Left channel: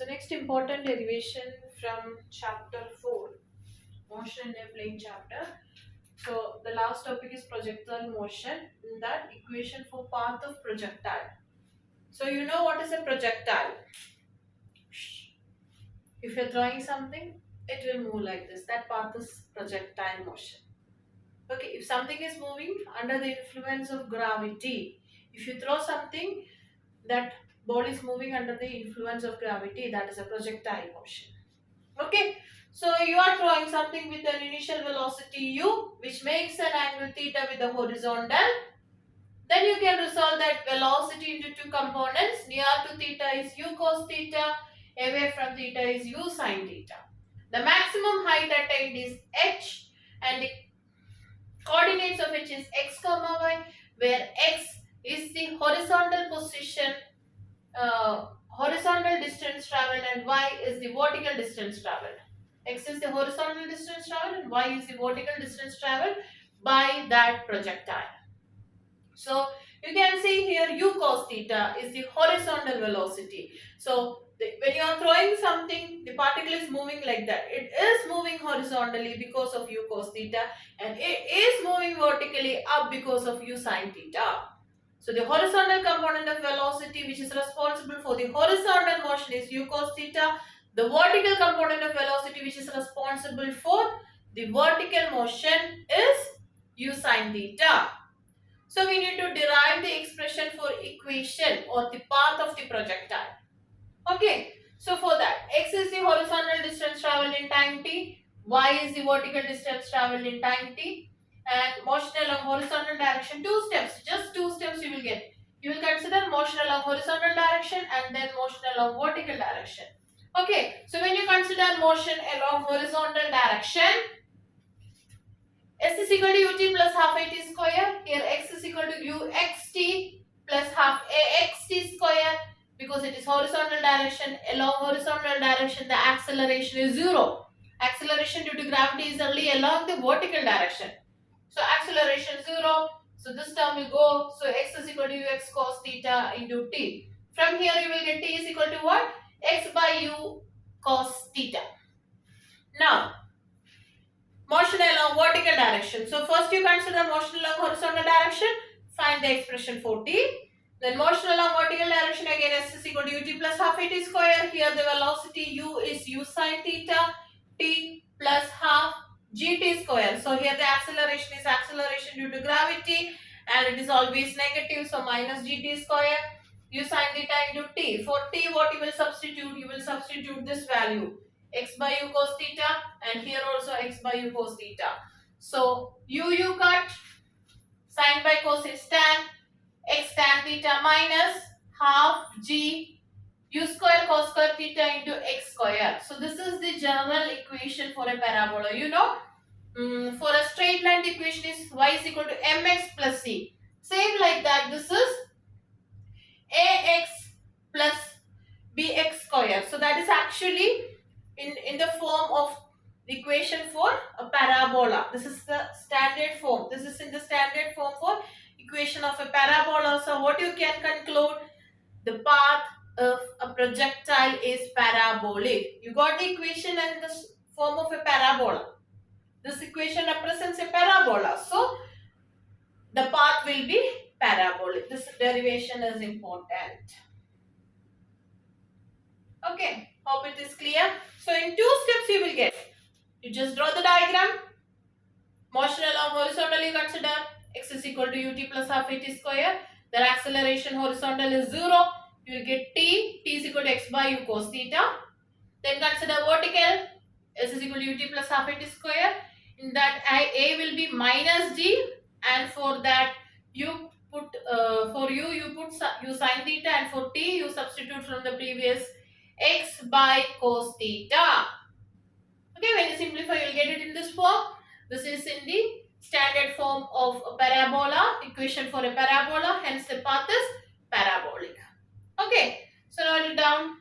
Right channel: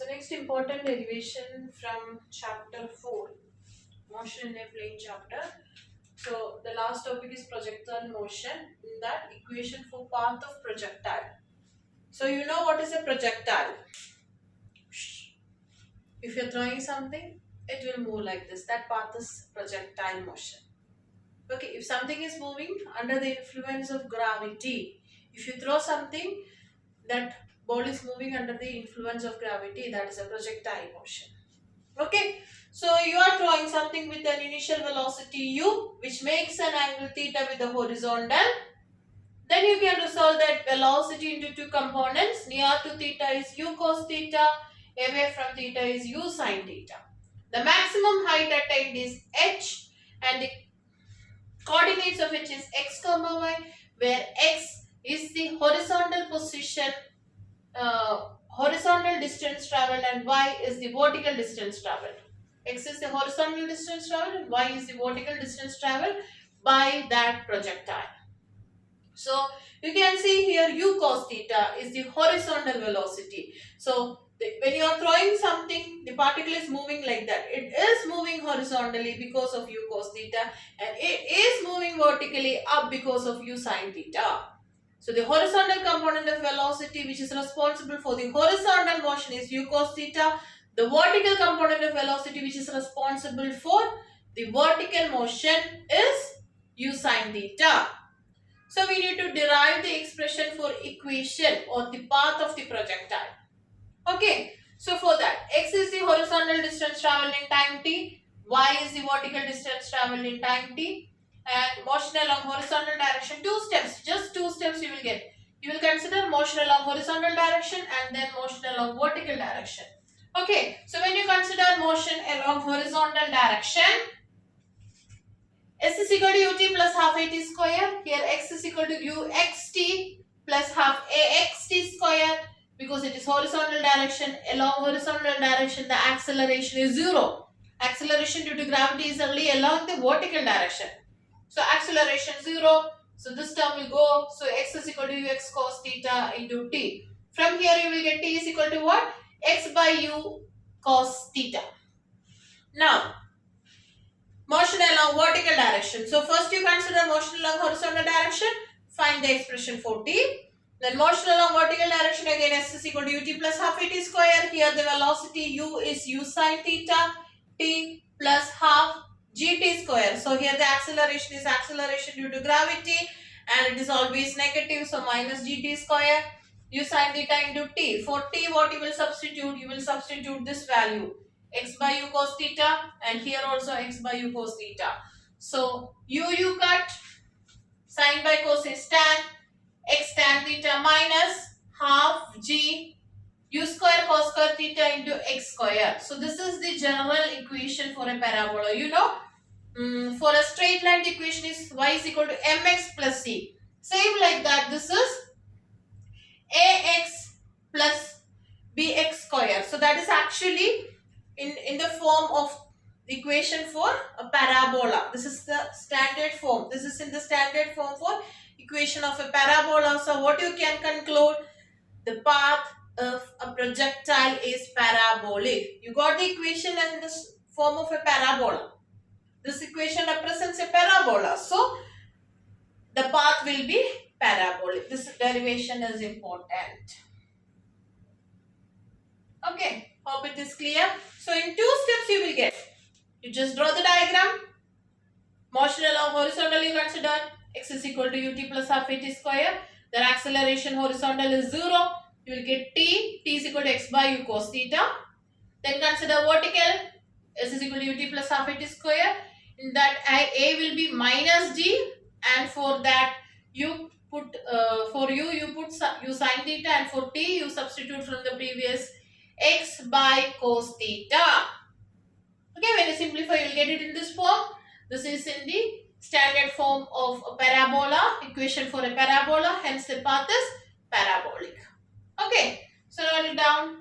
So next important derivation from chapter 4, motion in a plane chapter. So the last topic is projectile motion. In that equation for path of projectile. So you know what is a projectile? If you're throwing something, it will move like this. That path is projectile motion. Okay, if something is moving under the influence of gravity, if you throw something, that ball is moving under the influence of gravity, that is a projectile motion. Okay, so you are throwing something with an initial velocity u, which makes an angle theta with the horizontal. Then you can resolve that velocity into two components. Near to theta is u cos theta, away from theta is u sin theta. The maximum height attained is h, and the coordinates of which is x comma y, where x is the horizontal position, horizontal distance traveled, and y is the vertical distance traveled. X is the horizontal distance traveled and y is the vertical distance traveled by that projectile. So you can see here u cos theta is the horizontal velocity. So when you are throwing something, the particle is moving like that. It is moving horizontally because of u cos theta, and it is moving vertically up because of u sin theta. So the horizontal component of velocity, which is responsible for the horizontal motion, is u cos theta. The vertical component of velocity, which is responsible for the vertical motion, is u sin theta. So we need to derive the expression for equation or the path of the projectile. Okay, so for that, x is the horizontal distance traveled in time t, y is the vertical distance traveled in time t, and motion along horizontal direction, two steps, just two steps you will get. You will consider motion along horizontal direction and then motion along vertical direction. Okay, so when you consider motion along horizontal direction, s is equal to ut plus half at square. Here x is equal to uxt plus half axt square. Because it is horizontal direction, along horizontal direction the acceleration is 0. Acceleration due to gravity is only along the vertical direction. So acceleration 0. So this term will go. So x is equal to ux cos theta into t. From here you will get t is equal to what? X by u cos theta. Now, motion along vertical direction. So first you consider motion along horizontal direction. Find the expression for t. Then motion along vertical direction, again s is equal to ut plus half at square. Here the velocity u is u sin theta, t plus half gt square. So here the acceleration is acceleration due to gravity, and it is always negative, so minus gt square u sin theta into t. For t, what you will substitute? You will substitute this value, x by u cos theta, and here also x by u cos theta. So u cut, sin by cos is tan, x tan theta minus half g u square cos square theta into x square. So this is the general equation for a parabola. You know, for a straight line the equation is y is equal to mx plus c. Same like that, this is ax plus bx square. So that is actually in the form of the equation for a parabola. This is the standard form. This is in the standard form for equation of a parabola. So what you can conclude, the path of a projectile is parabolic. You got the equation in this form of a parabola. This equation represents a parabola. So the path will be parabolic. This derivation is important. Okay, hope it is clear. So in two steps you will get. You just draw the diagram. Motion along horizontal you consider x is equal to ut plus half at square. Their acceleration horizontal is 0. You will get t is equal to x by u cos theta. Then consider vertical, s is equal to ut plus half at square. In that a will be minus g, and for that you put for you put u sin theta, and for t you substitute from the previous x by cos theta. Okay, when you simplify, you will get it in this form. This is in the standard form of a parabola, equation for a parabola, hence the path is parabolic. Okay, so note it down.